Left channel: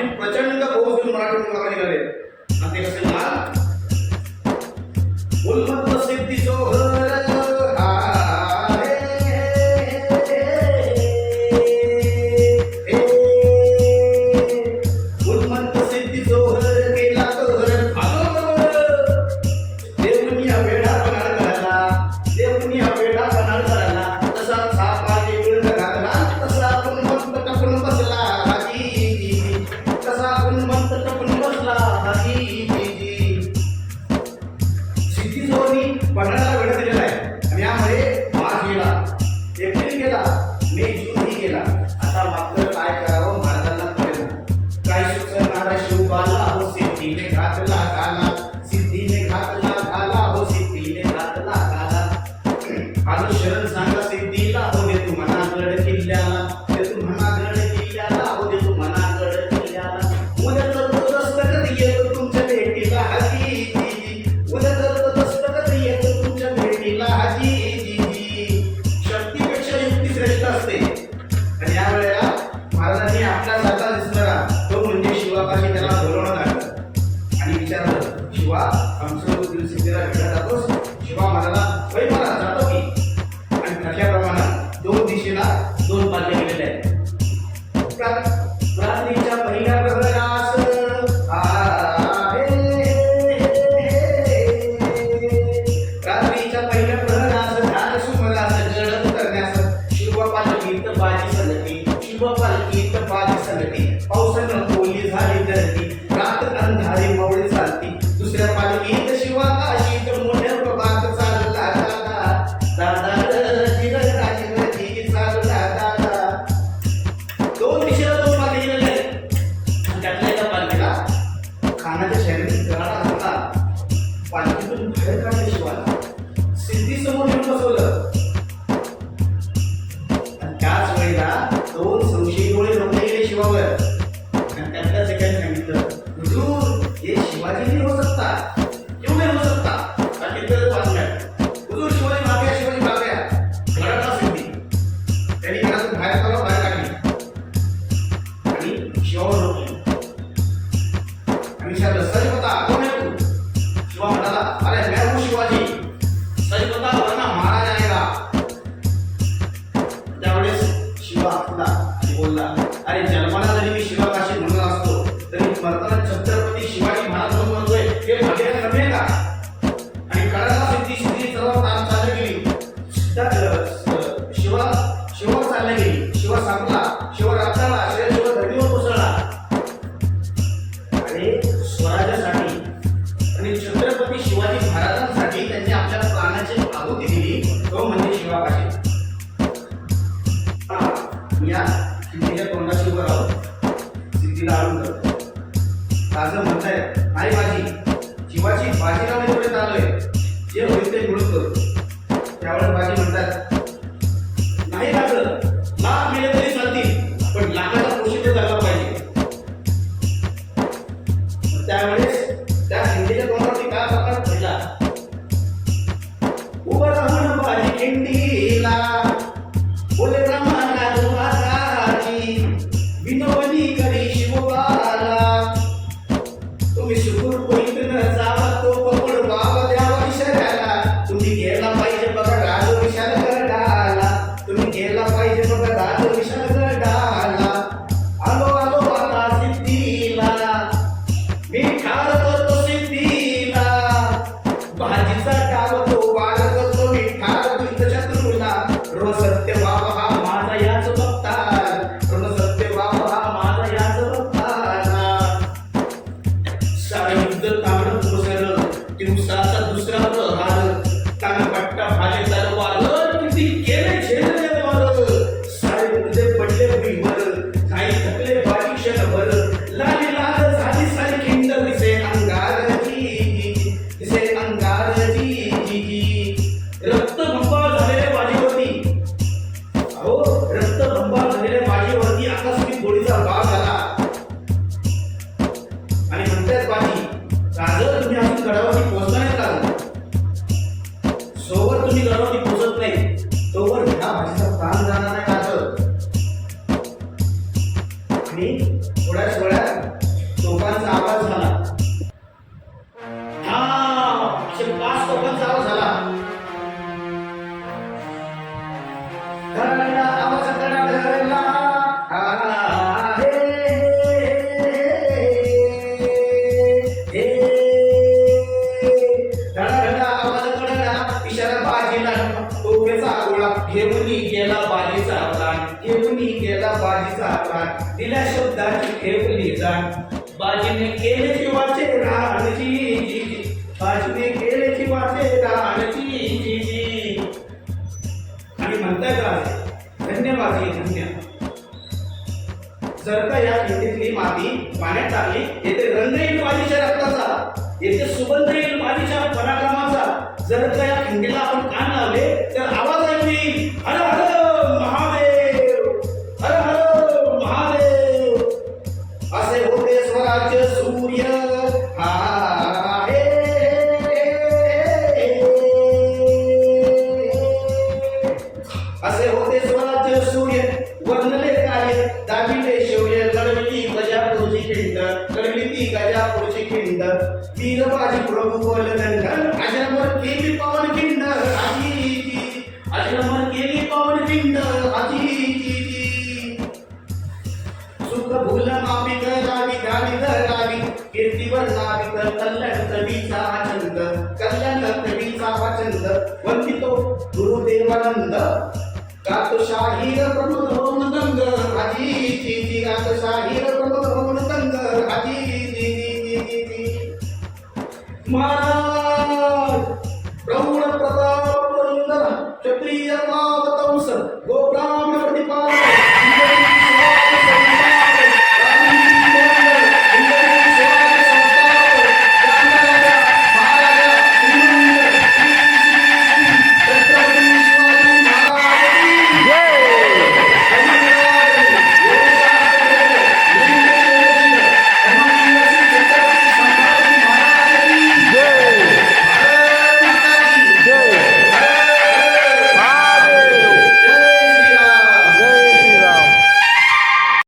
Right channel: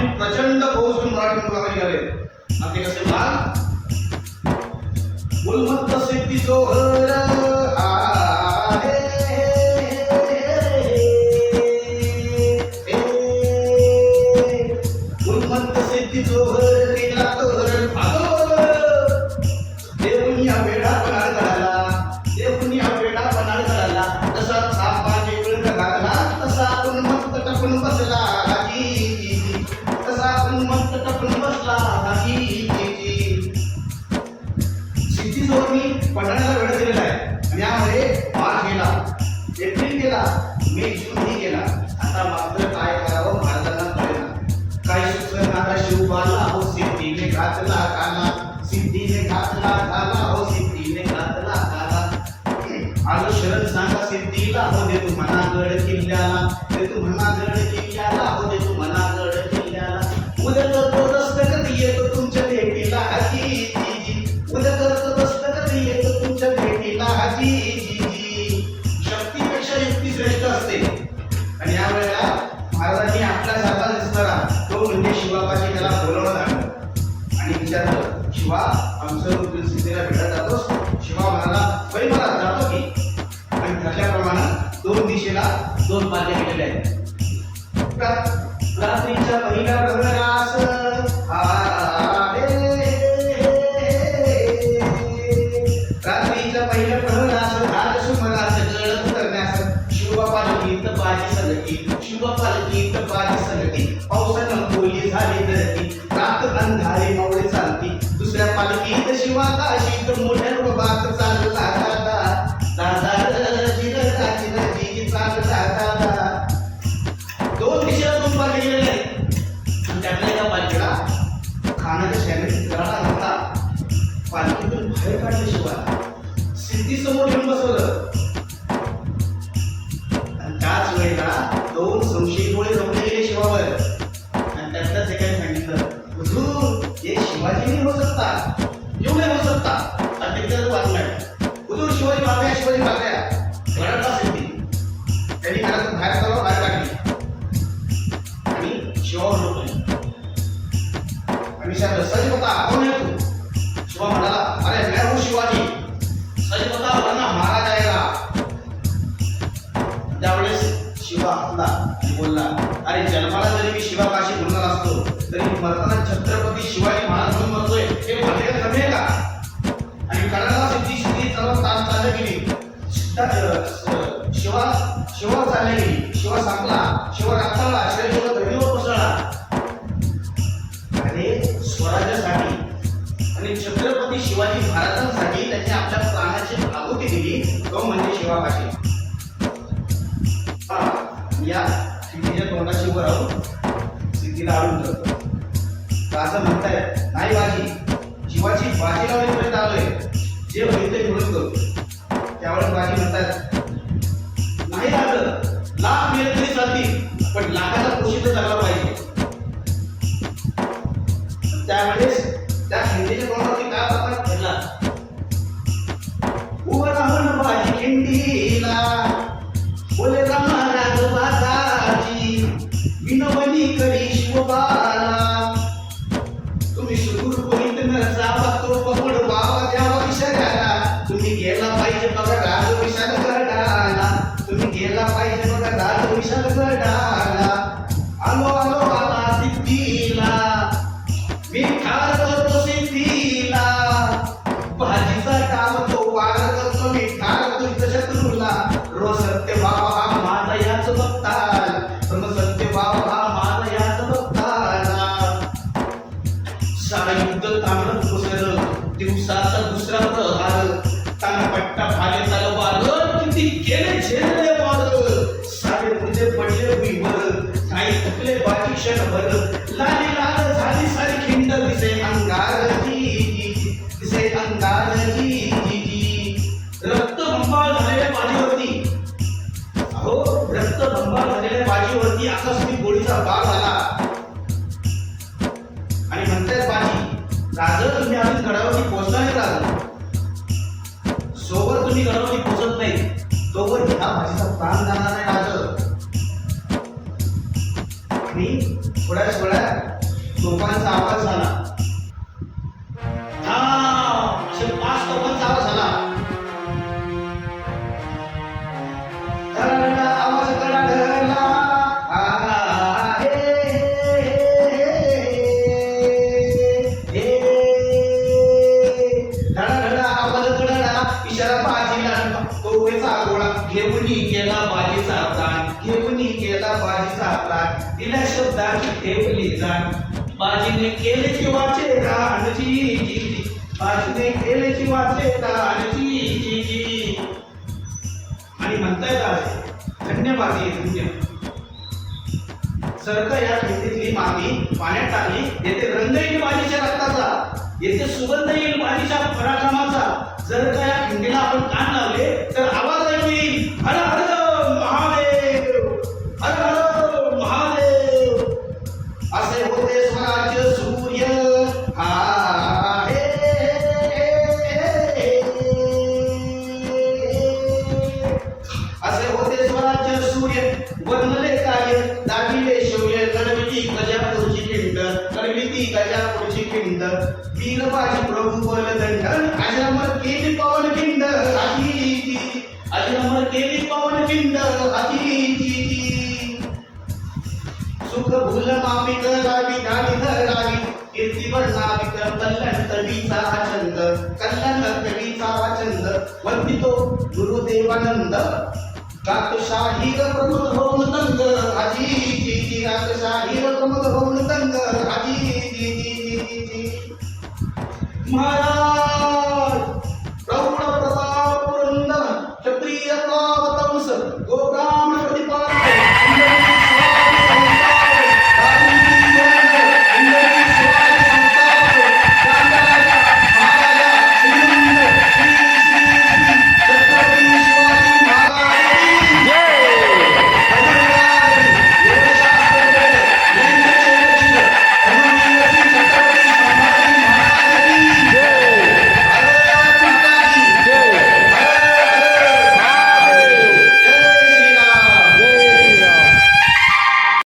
आपली प्रचंड फौज घेऊन मराठी मुलगा निघाले आणि ते कसे म्हणाल, उन्मत्त सिद्धी जोहर आहे, उन्मत्त सिद्धी जोहर केला तर देऊन या वेडा पणाळ करायला, देऊन या वेडा पणाळ करायला, तसा सापाचे वेळ घातला, तसा उन्मत्त टपून बसला हाजी, तसा उन्मत्त टपून बसला हाजी. सिद्धी जोहरनी पणाळाला वेळ दिलेला आहे आणि यामध्ये मार्च गेला, एप्रिल गेला, मे जून गेला. आता मात्र काय करावं महाराजांना कळेना. काय सुचनारा शिवबाला हो सिद्धीने घातला काला, सिद्धीने घातला काला, हो सिद्धीने घातला काला. आलो शरण सांगा सिद्धीला, हो दे तू म्हणा गड किल्ल्याला, दे तू म्हणा गड किल्ल्याला, हो दे तू म्हणा गड किल्ल्याला. उद्या तर तो दस्तखत येतो तुमच्या भेटीला हाजी, उद्या तर तो दस्तखत येतो तुमच्या भेटीला हाजी. शक्तीपेक्षा युक्ती श्रेष्ठ असते आणि या वेळेला महाराजांनी आपल्यासारखा दिसणारा तो म्हणजे शिवापाशी त्याला बोलवण्यात आणलं आणि विचारलं, शिवा आमचं रूप सिद्धीला भेटत जातोस? शिवा म्हणाला, वै मला जातो की. आणि ठरल्याप्रमाणे दोन दिशेला दोन पाल्ले गेलेले आहेत. रात्रीच्या पहिल्या प्रहरास रात्रीच्या पहिल्या प्रहरास झालं सुमरास गड करण्यास शिवपालकीत बाजी सलटी, शिवपालकीत बाजी सलटी. पावसानं ओली झाली धरती, रात अंधारे मावळे चालती. दुसऱ्या पालखीत शिवाकाशीत मोठ्या प्रभात चालला दादा, दादा जिरजी चालला दादा. दोन दिशेला दोन पालखी गेलेले आहेत आणि त्यातल्या एका पालखीला खानाच्या शहरात तळाला होता. पालखीतून बाहेर काढले शिवाला, सिद्धी समोर घेऊन बसवलं आणि त्याच वेळेला दोन संशयी डोळे रोखले गेले शिवावर आणि त्यातल्याच एकाने सांगितलं, हुजूर ये शिवाजी नहीं हो सकता. क्यों नहीं हो सकता? त्यात बात नाही. हुजूर शिवाजी भाग गया, शिवाजी भाग गया. घरातला सिद्धी त्यांनी घरातून बाहेर काढला, बाहेर काढली आणि शिवावर रोखले आणि विचारलं, सच बता कौन है तू? शिवा म्हणाला, अरे मैं हूँ शिवाजी, सच बता वरना मारा जाएगा. त्यावेळेस शिवा हसला आणि बोलला, अरे जन्माला जरी मी शिवाकाशी म्हणणार असतो तरी मरताना छत्रपती शिवाजी महाराज म्हणून म्हणतोय हे भाग्यात कमी आहे का? आणि कडाला सिद्धी सिद्धी सर्व ताण चालली गेली, शिवावर चालली गेली. शिवा संपला, शिवा रक्ताला, शिवा धडीवर कोसळला. अरे स्वराज्यासाठी आणि छत्रपती शिवाजी महाराजांसाठी त्यांनी आपल्या प्राणाची आहुती दिली, तो म्हणजे शिवाकाशी. या सिद्धीच्या तोंडाशी उभं राहून सिद्धीला आळून धरतो. राजा म्हणतायत, नाही बाजी, शिवाची बाजी लावण्यापर्यंत आलोय, जे होईल ते मिळून करू. त्यावेळेस बाजी म्हणतात, नाही लागलं, लाख मिळेल तरी चालतील, पण लाखाचा पोषित झाला पाहिजे. त्यावेळेस त्या खिंडीच्या तोंडावरती काय प्रकार घडला, उभं राहून बाजी खिंडीला बोले रामानाथ बाजाजी, विनोबनी करी शिवबाला. तुम्ही सुखूर करीत न जावा तो पकड बाबा द्यावा विषयाला. तुम्ही गेला पाहिजे बघा राज विशाल गडाला, तुम्ही गेला पाहिजे बघा राज विशाल गडाला. आलो आलो आला सिद्धीला, मी ठार करतो सिद्धीला. भाजीचा डाव तो वार करतो, मी ठार तुझ्या शत्रूला. रो सत्य बाबा हा माझा याच बघताल, रो सत्य बाबा हा माझा याच बघताल. सारे युद्ध तांबड कोसळलं, दिवसाचा दुसरा प्रहार. कानपट्टा भाले तलवार, किती केले झेलले वार. सारे मुर्दे पडले भीमर, काही थकले बाजी क्षणभर. लाली लाल झाली सारी खिंड, दिसे अंगारजी, दिसे अंगारजी. रक्तबंबाळ झालेल्या बाजीवरती, अहो रक्तबंबाळ झालेल्या बाजीवरती आकाशातील गोळीचा बाण झाला आणि म्हणतात बाजी, राजा तुम्ही अजून गडावरती पोहोचला नाही राजा. सोबत तुम्ही गडावरती पोहोचत नाही तोवर ह्या भाजीचा प्राण जाणार नाही राजा. आणि थोड्याच वेळात तोफांचा आवाज झाला. हा, असे 5 तोफांचा आवाज झाला. धडाधडा आवाज कडाडला. हे, हे, धडाधडा आवाज कडाडला. इशारा बाजीला. तोफेचा गोळा घेऊन गेला बाजीचा प्राण. घेऊन गेला बाजीचा प्राण. दिल्या शब्दाची ठेवली जाण. बाजीने केले जीवाचे रान. जी जी जी. बाजीने केले जीवाचे रान. जी जी जी. आणि म्हणताय का धन्यवादी धन्य. जर का या खिंडीतली माती पाण्यात टाकली, येथे रंग येईल बाजीच्या रक्ताचा, येथे सुगंध येईल बाजीच्या पराक्रमाचा. जर का या खिंडीला आपण कान लावले तर आवाज ऐकू येईल, हर हर महादेव, हर हर महादेव. असे होते स्वराज्य सूर्य. हा, हे, असे होते स्वराज्य सूर्य. वर्णले कार्य दाविले शौर्य. लढविली गजापूरची खिंड. लढविली गजापूरची खिंड. वीरबाजी प्रभू बलदंड. अजरामर केली पावन खिंड. आजी जी. अजरामर केली पावन खिंड. आजी जी जी. सुख भूल मापिक रावी गावी धरावी. कीर्तीवर नाविक कल्याण कवीचा छंद. कल्याण कवीचा छंद. वंदितो गुरुदेवानंद. गातो शाहीर प्रमोद होऊन दंग. आजी जी जी. गातो शाहीर प्रमोद होऊन दंग. आजी जी जी जी जी. महाराज